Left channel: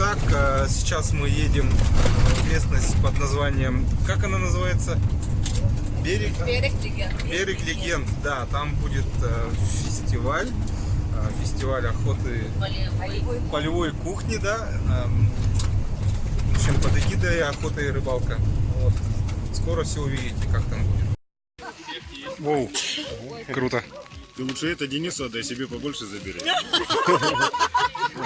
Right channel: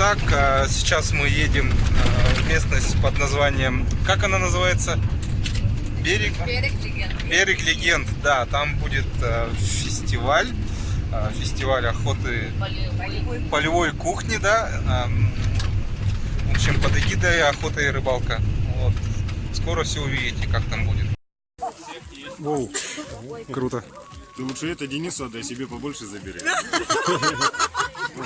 Итак, сейчас мы едем в местность под названием, как она называется? Берег Легенд. Берег Легенд, да, там будет фестиваль охоты полевой кухни, да, в общем, под эгидой охота и рыбалка. Вот. Скоро все увидите, как там будет. Воу, круто. Ты лучше это Денису отдай, себе побольше забери.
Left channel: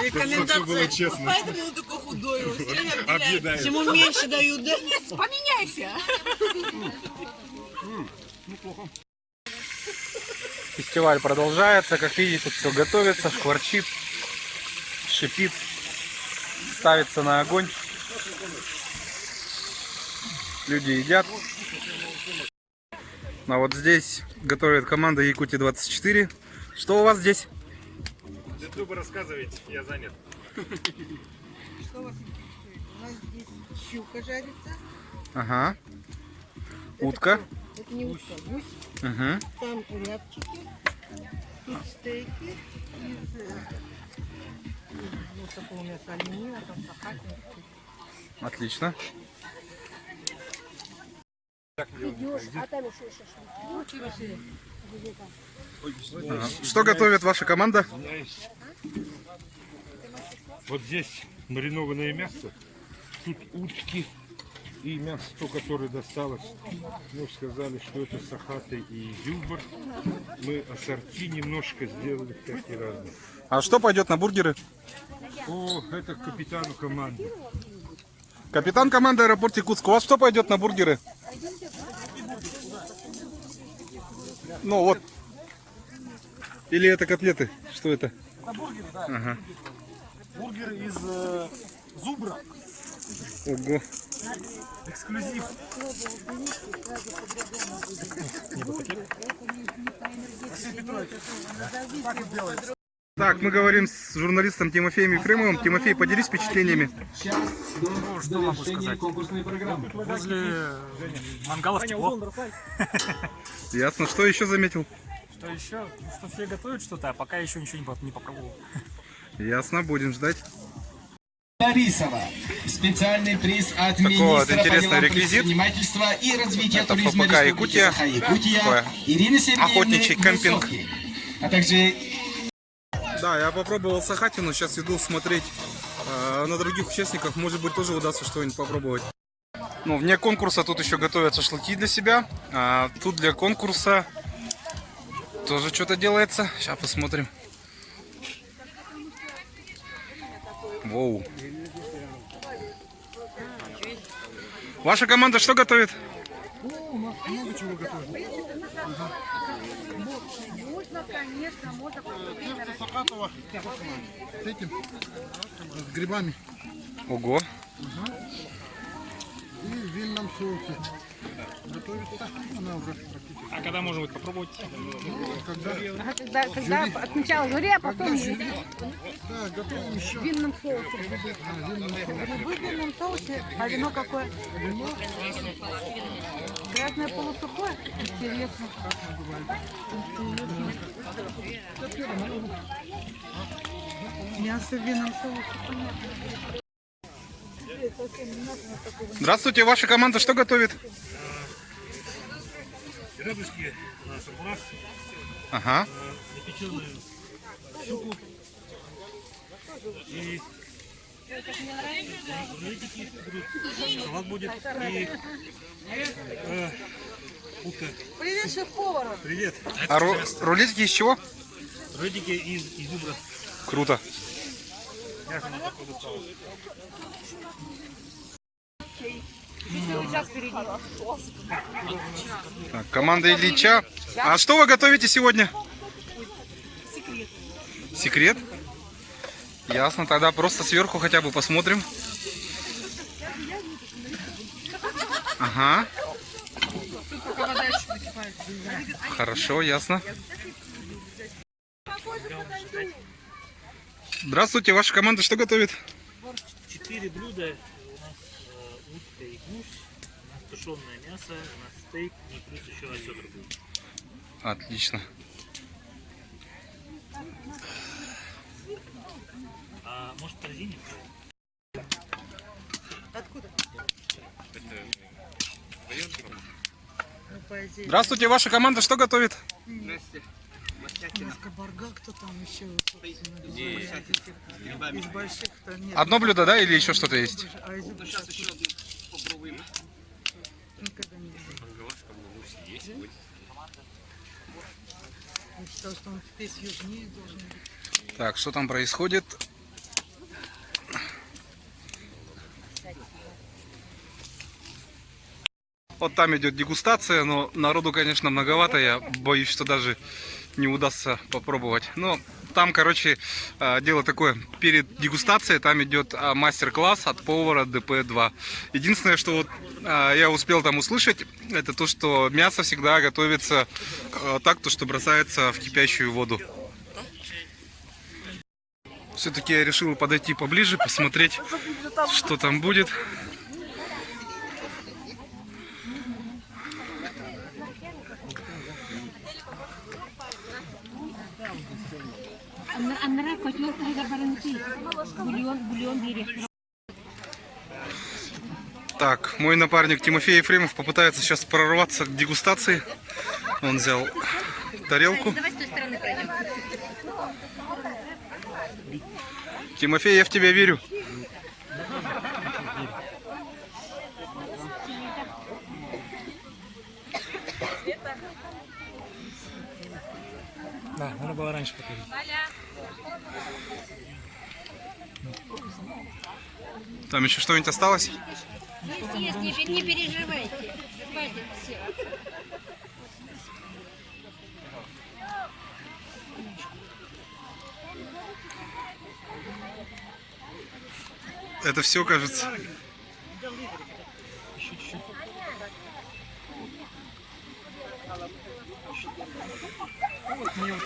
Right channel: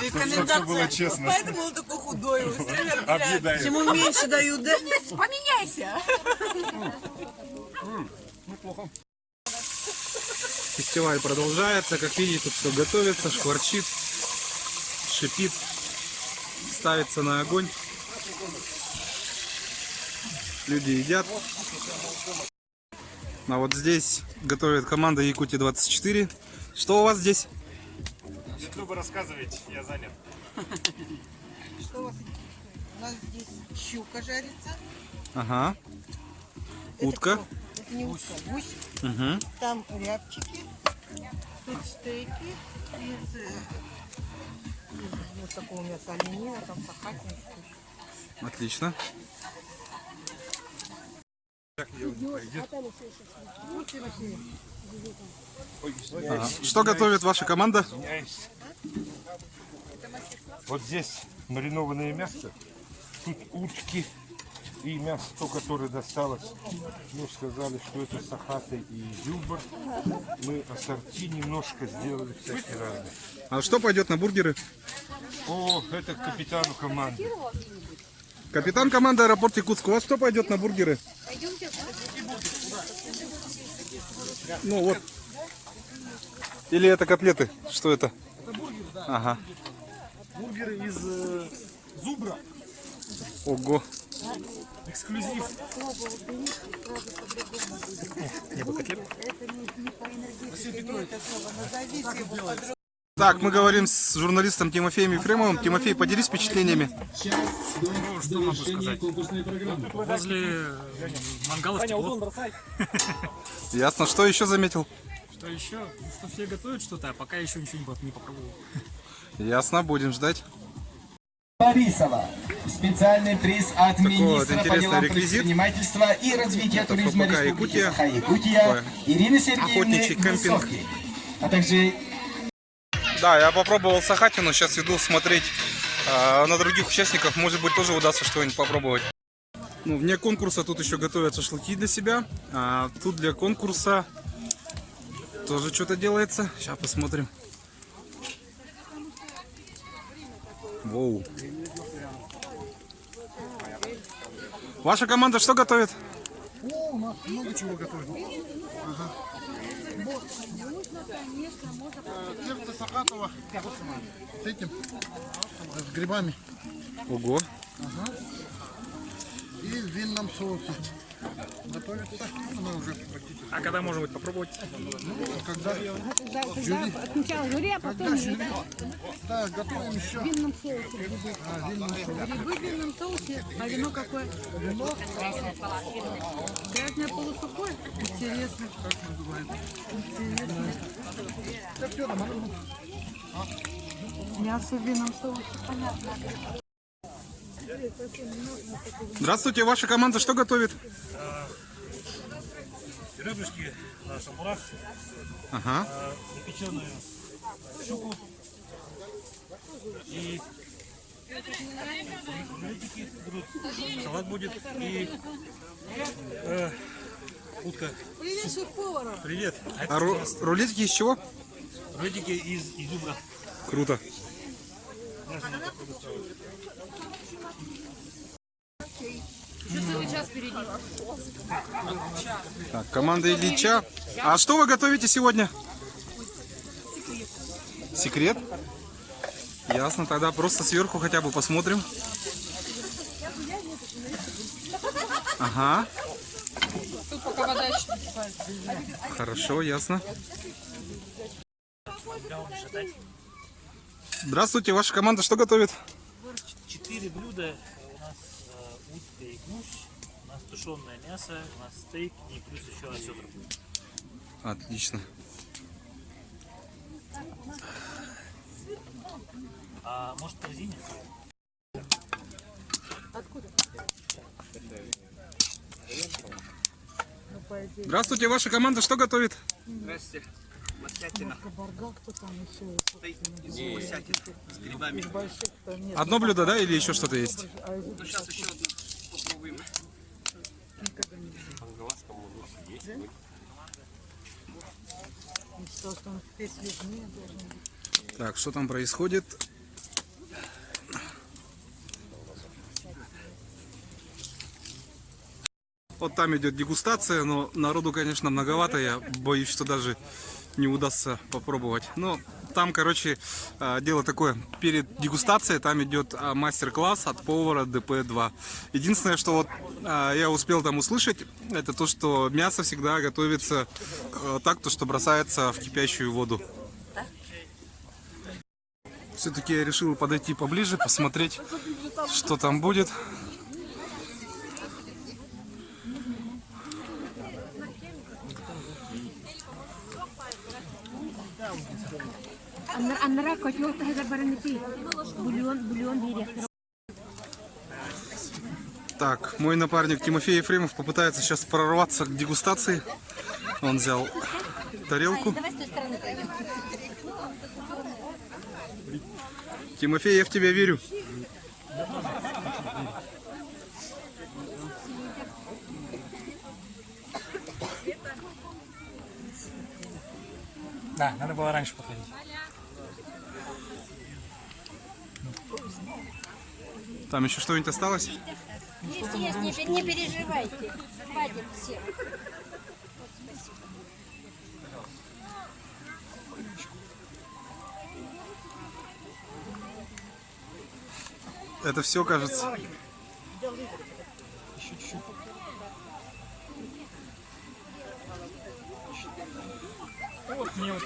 Чтобы все было честно. Поэтому он такой худой. Объедает. Ему меньше дают, да? Поменяйся. Неплохо. Фестиваль продолжается. Как видите, тут все готовится, шкварчит, шипит, ставится на огонь. Люди едят. А вот здесь готовит команда Якутия-24. Что у вас здесь? Ютубы рассказывайте, я занят. Что у вас? У нас здесь щука жарится. Ага. Утка. Это не утка, гусь. Угу. Там рябчики. Тут стейки. Из вот такого мяса оленина, там сахатин. Отлично. Ага. Что готовит ваша команда? Вот здесь маринованное мясо, тут утки и мясо, то, которое досталось. Мне сказали, что это сахаты и юбор. Мы ассорти немножко сделали, всякие разные. А что пойдет на бургеры? О, это к капитану команды. Капитан команды аэропорт Якутск. У вас что пойдет на бургеры? Ну вот. Или это котлеты? Что это? Это бургеры, да. Ага. Бургеры из зубра. Ого. Эксклюзив. Василий Петрович, так вот делается. Так, мы говорим с журналистом Тимофеем Ефремовым. Тимофей, поделись впечатлениями. Ну, что могу сказать? Возле мангалов тепло. Ясно. Что еще заметил? Что еще? Ну, что все готовят что-то, а пока еще ничего не попробовал. Ясно, будем ждать. Борисова. Специальный приз от Такой вот министра интересный по делам реквизит. предпринимательства и развития Это туризма ФПК Республики Якутия. Саха-Якутия Ирины Сергеевны Охотничий кемпинг. Высоцкой. А также Да, я попробовал сахатину, сейчас иду смотреть на других участников. Может быть, тоже удастся что-нибудь попробовать. Ну, вне конкурса тут еще готовят шашлыки для себя. А тут для конкурса тоже что-то делается. Сейчас посмотрим. Воу. Ваша команда что готовит? О, у нас много чего готовят. Тесто сахатово с этим, с грибами. Ого. И в винном соусе. Готовится, она уже практически. А когда можно будет попробовать? Ну, когда Сначала жюри, а потом жюри. Да, готовим еще. в винном соусе. Винном соусе. Грибы в винном соусе, а вино какое? Вино, Грязное полусухое? Интересно. как называется? Это все там, оно, Мясо в винном соусе, понятно. Здравствуйте, ваша команда что готовит? ребрышки на шампурах, Ага. запеченную щуку и рулетики будут, салат будет и утка. Привет, шеф-повар. Привет. А рулетики из чего? Рулетики из изюбра. Круто. Так, команда Ильича. А что вы готовите сегодня? Секрет. Секрет? Ясно, тогда просто сверху хотя бы посмотрим. Ага. Хорошо, ясно. Здравствуйте, ваша команда что готовит? 4 блюда. У нас утка и гусь, у нас тушеное мясо, у нас стейк и плюс еще осетр будет. Отлично. А может, в корзине? идея. Здравствуйте, ваша команда что готовит? Кабарга, кто там еще? Из больших-то нет. Одно блюдо, да, или еще что-то есть? А из Сейчас еще одну попробуем. что он весь южнее должен быть. Так, что там происходит? Вот там идет дегустация, но народу, конечно, многовато. Я боюсь, что даже не удастся попробовать. Но там, короче, дело такое. Перед дегустацией там идет мастер-класс от повара ДП-2. Единственное, что вот я успел там услышать, это то, что мясо всегда готовится так, то, что бросается в кипящую воду. Все-таки я решил подойти поближе, посмотреть, что там будет. Аннара котел тагар баранити. Бульон директор. Так, мой напарник Тимофей Ефремов попытается сейчас прорваться к дегустации. Он взял тарелку. Давай с той стороны пройдем. Тимофей, я в тебя верю. Да, надо было раньше показать. Там еще что-нибудь осталось? Не переживайте. Хватит все. Это все, кажется. Вот мне вот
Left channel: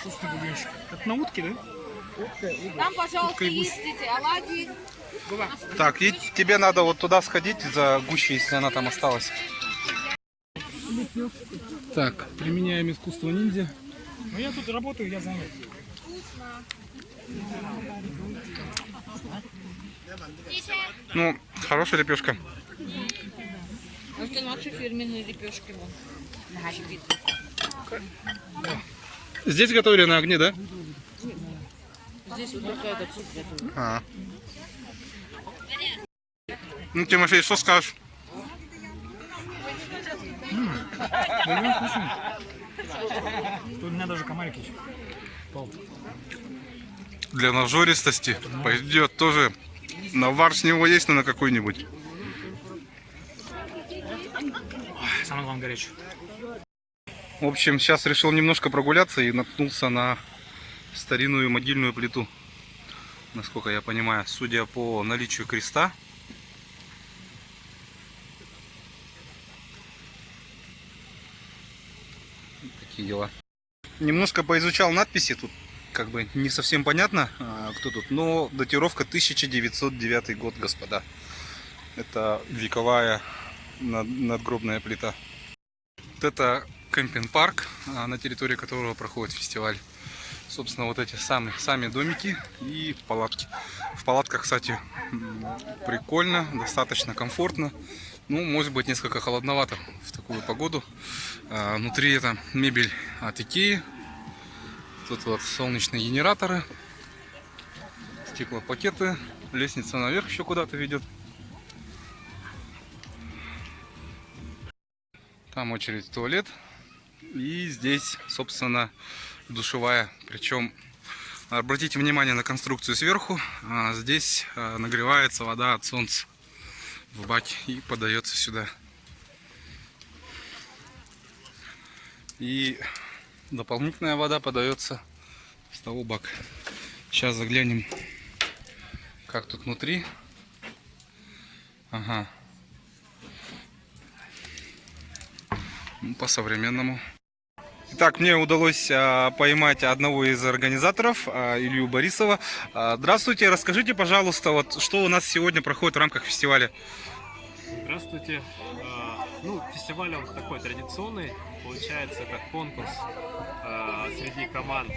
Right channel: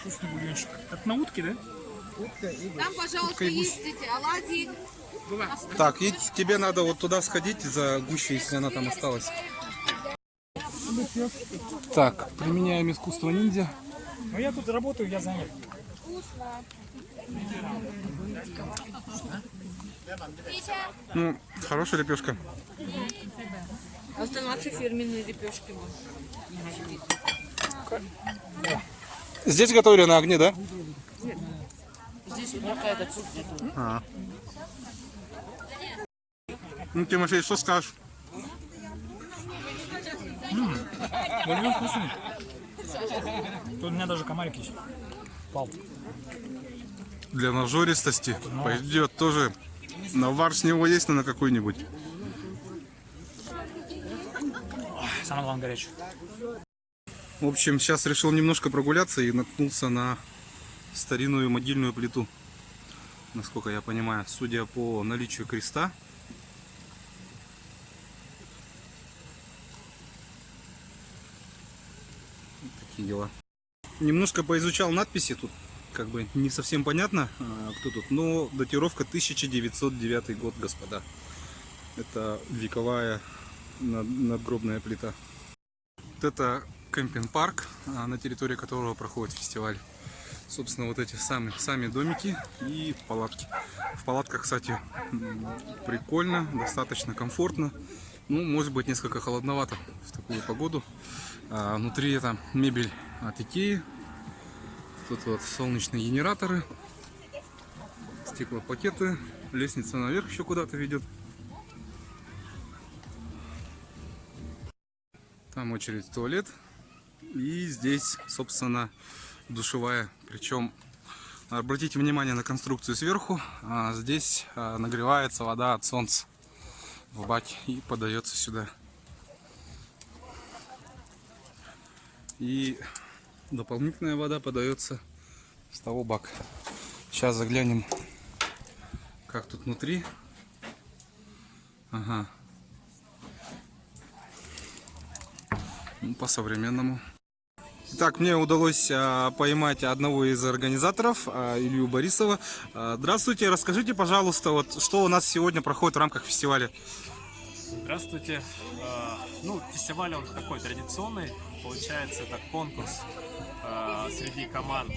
вкусный бульончик. Это на утке, да? Там, пожалуйста, есть оладьи. Так, и тебе надо вот туда сходить за гущей, если она там осталась. Так, применяем искусство ниндзя. Ну я тут работаю, я знаю. Ну, хорошая лепешка. Это наши фирменные лепешки. Здесь готовили на огне, да? Здесь какая-то цукер. А. Ну, Тимофей, что скажешь? Бульон вкусный. Тут у меня даже комарик есть. Пал. Для нажористости пойдет тоже. Навар с него есть, но на какой-нибудь. Самое главное горячий. В общем, сейчас решил немножко прогуляться и наткнулся на старинную могильную плиту. Насколько я понимаю, судя по наличию креста. Вот такие дела. Немножко поизучал надписи, тут как бы не совсем понятно, кто тут, но датировка 1909 год, господа. Это вековая надгробная плита. Вот это кемпинг-парк, на территории которого проходит фестиваль. Собственно, вот эти сами домики и палатки. В палатках, кстати, прикольно, достаточно комфортно. Ну, может быть, несколько холодновато в такую погоду. Внутри это мебель от Икеи. Тут вот солнечные генераторы, стеклопакеты, лестница наверх еще куда-то ведет. Там очередь в туалет. И здесь, собственно, душевая. Причем, обратите внимание на конструкцию сверху. Здесь нагревается вода от солнца в баке и подается сюда. И дополнительная вода подается с того бака. Сейчас заглянем, как тут внутри. Ага. Ну, по-современному. Итак, мне удалось поймать одного из организаторов, Илью Борисова. Здравствуйте, расскажите, пожалуйста, вот что у нас сегодня проходит в рамках фестиваля. Здравствуйте. Ну, фестиваль он такой традиционный. Получается, это конкурс среди команд.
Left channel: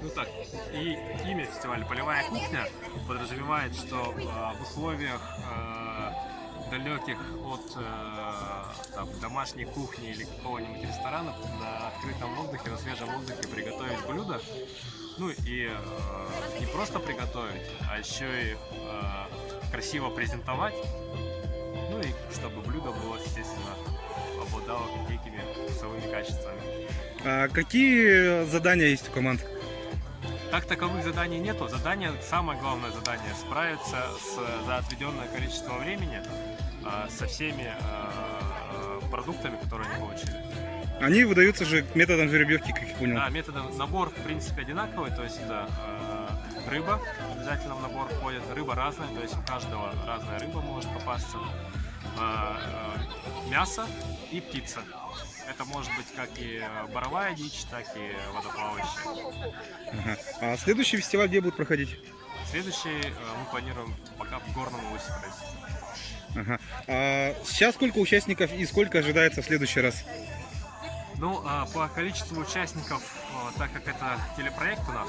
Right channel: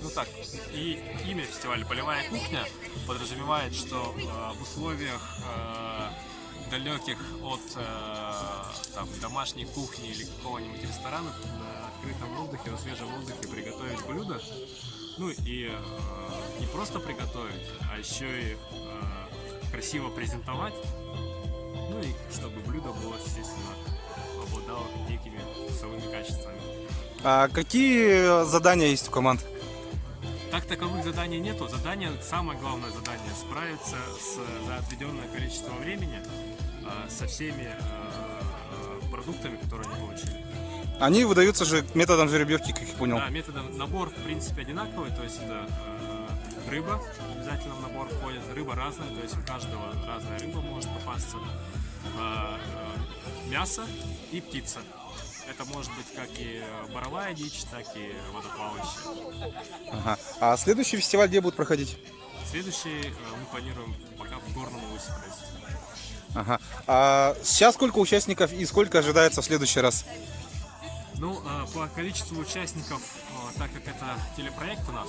Ну так, и имя фестиваля «Полевая кухня» подразумевает, что в условиях далеких от там, домашней кухни или какого-нибудь ресторана на открытом воздухе, на свежем воздухе приготовить блюдо. Ну и не просто приготовить, а еще и красиво презентовать. Ну и чтобы блюдо было, естественно, обладало некими вкусовыми качествами. А какие задания есть у команд? Так таковых заданий нету. Самое главное задание — справиться за отведенное количество времени со всеми продуктами, которые они получили. Они выдаются же методом жеребьевки, как я понял. Да, набор в принципе одинаковый, то есть это рыба обязательно в набор входит, рыба разная, то есть у каждого разная рыба может попасться, мясо и птица. Это может быть как и боровая дичь, так и водоплавающая. Ага. А следующий фестиваль где будет проходить? Следующий мы планируем пока в Горном Улусе провести. Ага. А сейчас сколько участников и сколько ожидается в следующий раз? Ну, по количеству участников, так как это телепроект у нас,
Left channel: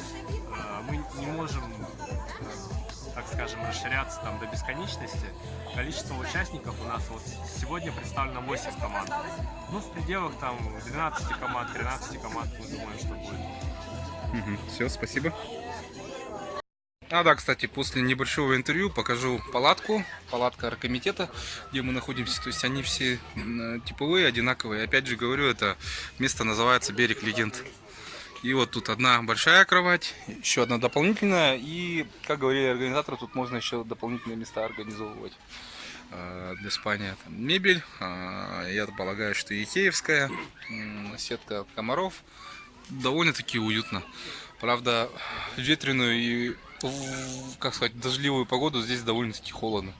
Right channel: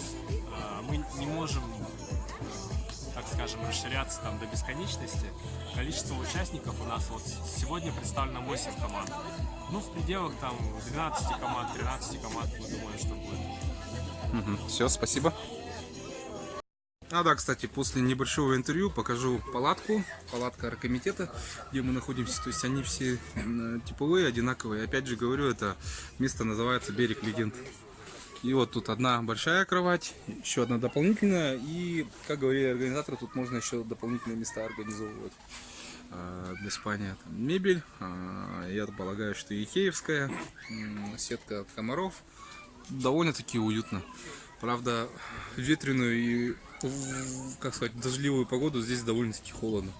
мы не можем, так скажем, расширяться там до бесконечности. Количество участников у нас вот сегодня представлено 8 команд. Ну, в пределах там 12 команд, 13 команд, мы думаем, что будет. Все, спасибо. А да, кстати, после небольшого интервью покажу палатку, палатка оргкомитета, где мы находимся. То есть они все типовые, одинаковые. Опять же говорю, это место называется «Берег легенд». И вот тут одна большая кровать, еще одна дополнительная. И, как говорили организаторы, тут можно еще дополнительные места организовывать для спания. Там мебель, я полагаю, что икеевская, сетка от комаров. Довольно-таки уютно. Правда, ветреную и, как сказать, дождливую погоду здесь довольно-таки холодно.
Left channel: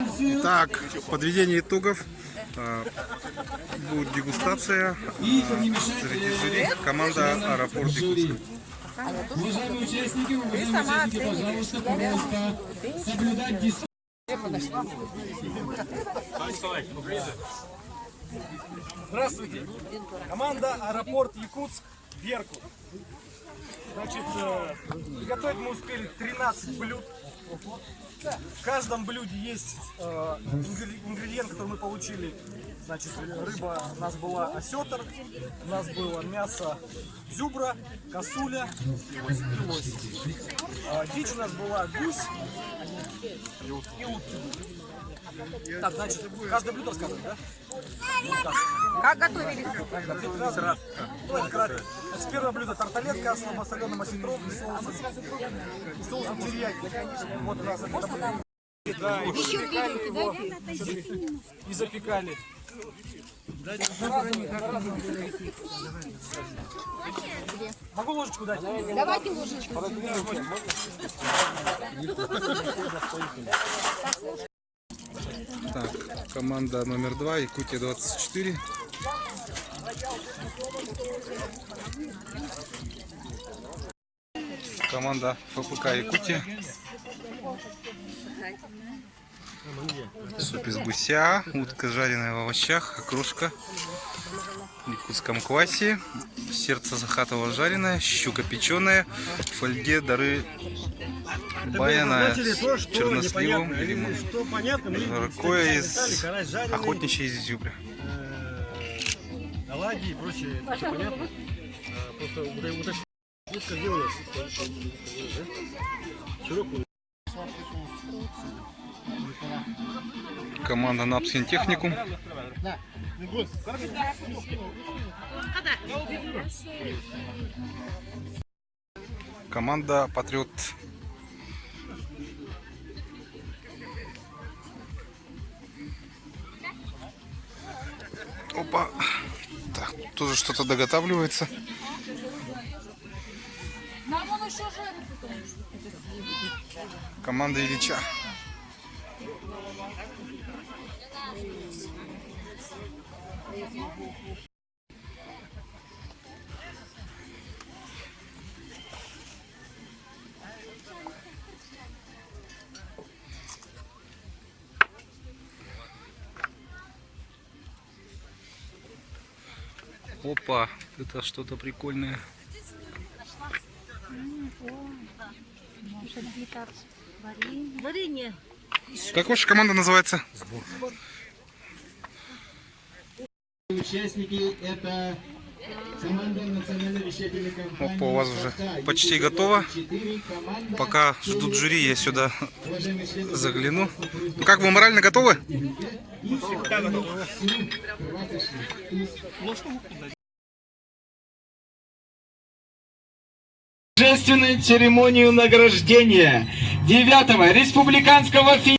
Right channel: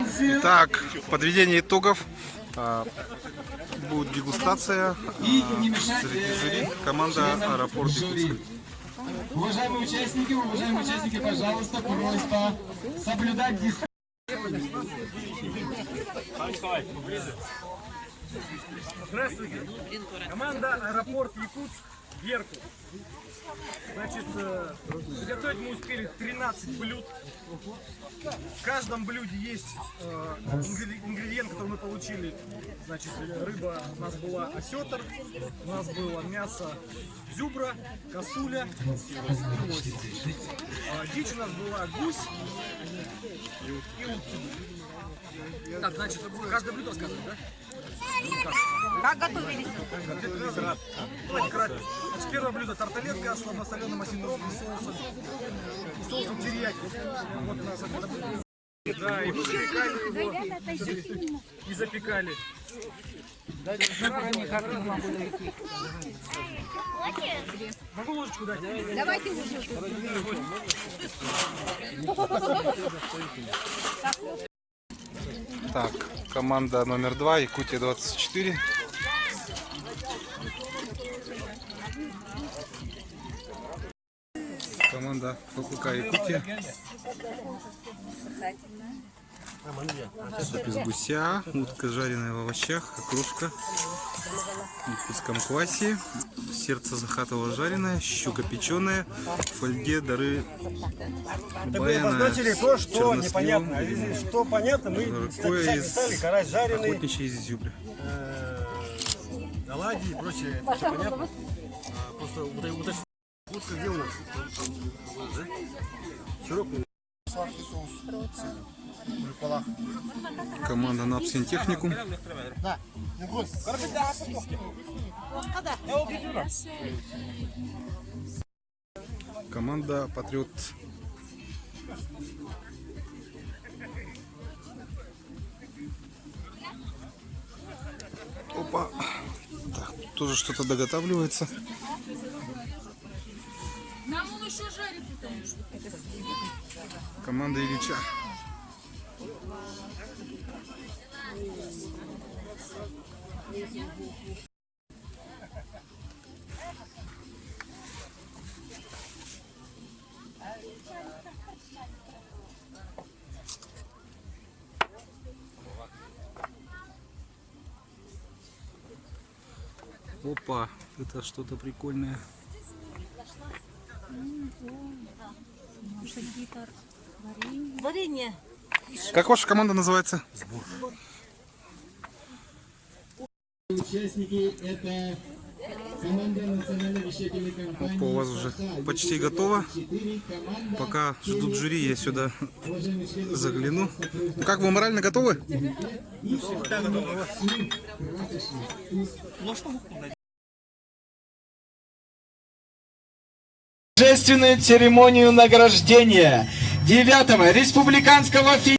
Итак, подведение итогов. Будет дегустация среди жюри. Команда «Аэропорт Якутск». Уважаемые участники, пожалуйста, соблюдать дисциплину. Здравствуйте! Команда «Аэропорт Якутск», Беркут. Значит, приготовить мы успели 13 блюд. В каждом блюде есть ингредиент, который мы получили. Значит, рыба у нас была осетр, у нас было мясо зюбра, косуля и лось. Дичь у нас была гусь и утки. Так, значит, каждое блюдо рассказывает, да? Как готовились? Давайте кратко. Значит, первое блюдо — тарталетка с слабосоленым осетром и соусом терияки. Вот у нас это блюдо. Да, и запекали его. И запекали. Могу ложечку дать? Давайте ложечку. Так, команда номер 2, Якутия 24. Команда ФПК Якутия. Суп из гуся, утка жареная в овощах, окрошка в якутском квасе, сердце захатово жареное, щука печеная, в фольге дары баяна с черносливом и лимоном. Жаркое из охотничьей изюбря. Оладьи и прочее, все понятно. Просто уточнить, утка делаю, широкую. Команда Напскин Техникум. Команда Патриот. Опа. Так, тоже что-то доготавливается. Команда Ильича. Опа, это что-то прикольное. Варенье. Как ваша команда называется? Участники это команда национальной вещательной компании. Опа, у вас уже почти готово. Пока ждут жюри, я сюда загляну. Ну, как, вы морально готовы? Торжественную церемонию награждения 9-го республиканского фильма.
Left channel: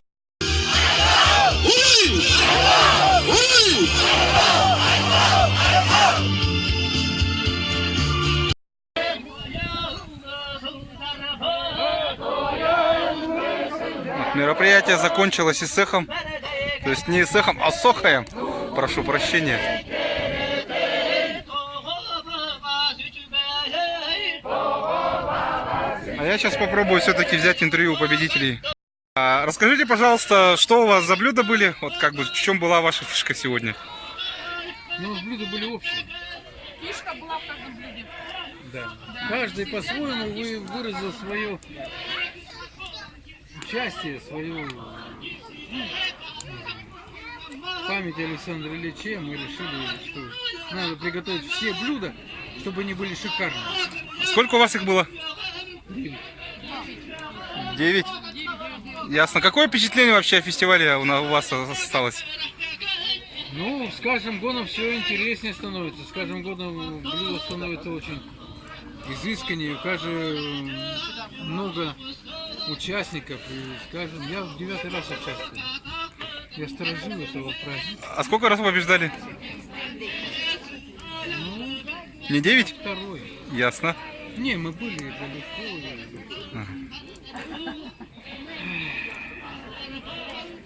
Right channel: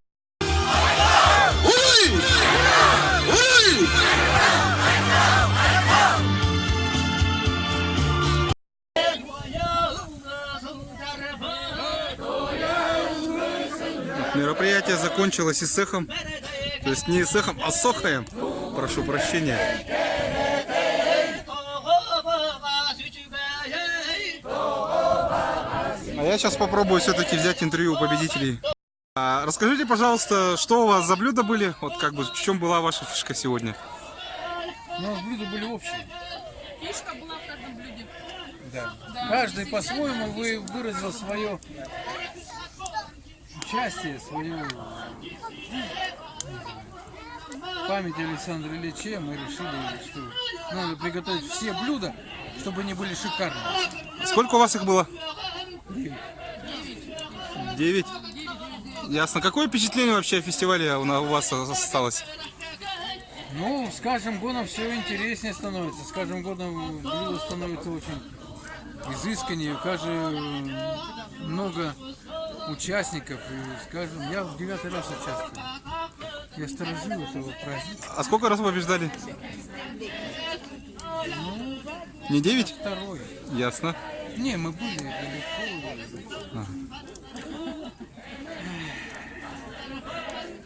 Мероприятие закончилось и с эхом. То есть не с эхом, а с охаем. Прошу прощения. А я сейчас попробую все-таки взять интервью у победителей. Расскажите, пожалуйста, что у вас за блюда были? Вот как бы в чем была ваша фишка сегодня? У нас блюда были общие. Фишка была в каждом блюде. Да. Каждый по-своему выразил свое участие, свою память Александра Ильича. Мы решили, что надо приготовить все блюда, чтобы они были шикарные. Сколько у вас их было? 9. Ясно. Какое впечатление вообще о фестивале у вас осталось? Ну, с каждым годом все интереснее становится. С каждым годом блюдо становится очень изысканнее. У каждого много участников. И скажем, я в 9-й раз участвую. Я сторожил этого праздника. А сколько раз вы побеждали? Ну, Не 9? 2-й. Ясно. Не, мы были далеко.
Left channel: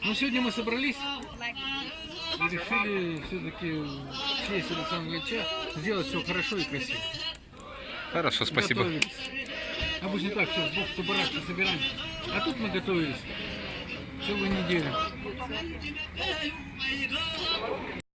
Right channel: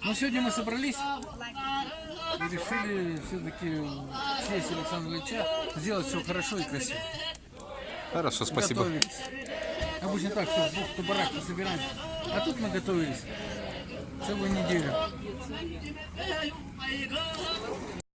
Ну, сегодня мы собрались и решили все-таки в честь Александра Ильича сделать все хорошо и красиво. Хорошо, спасибо. Готовились. Обычно так все, в бухту-барахту собираемся. А тут мы готовились целую неделю.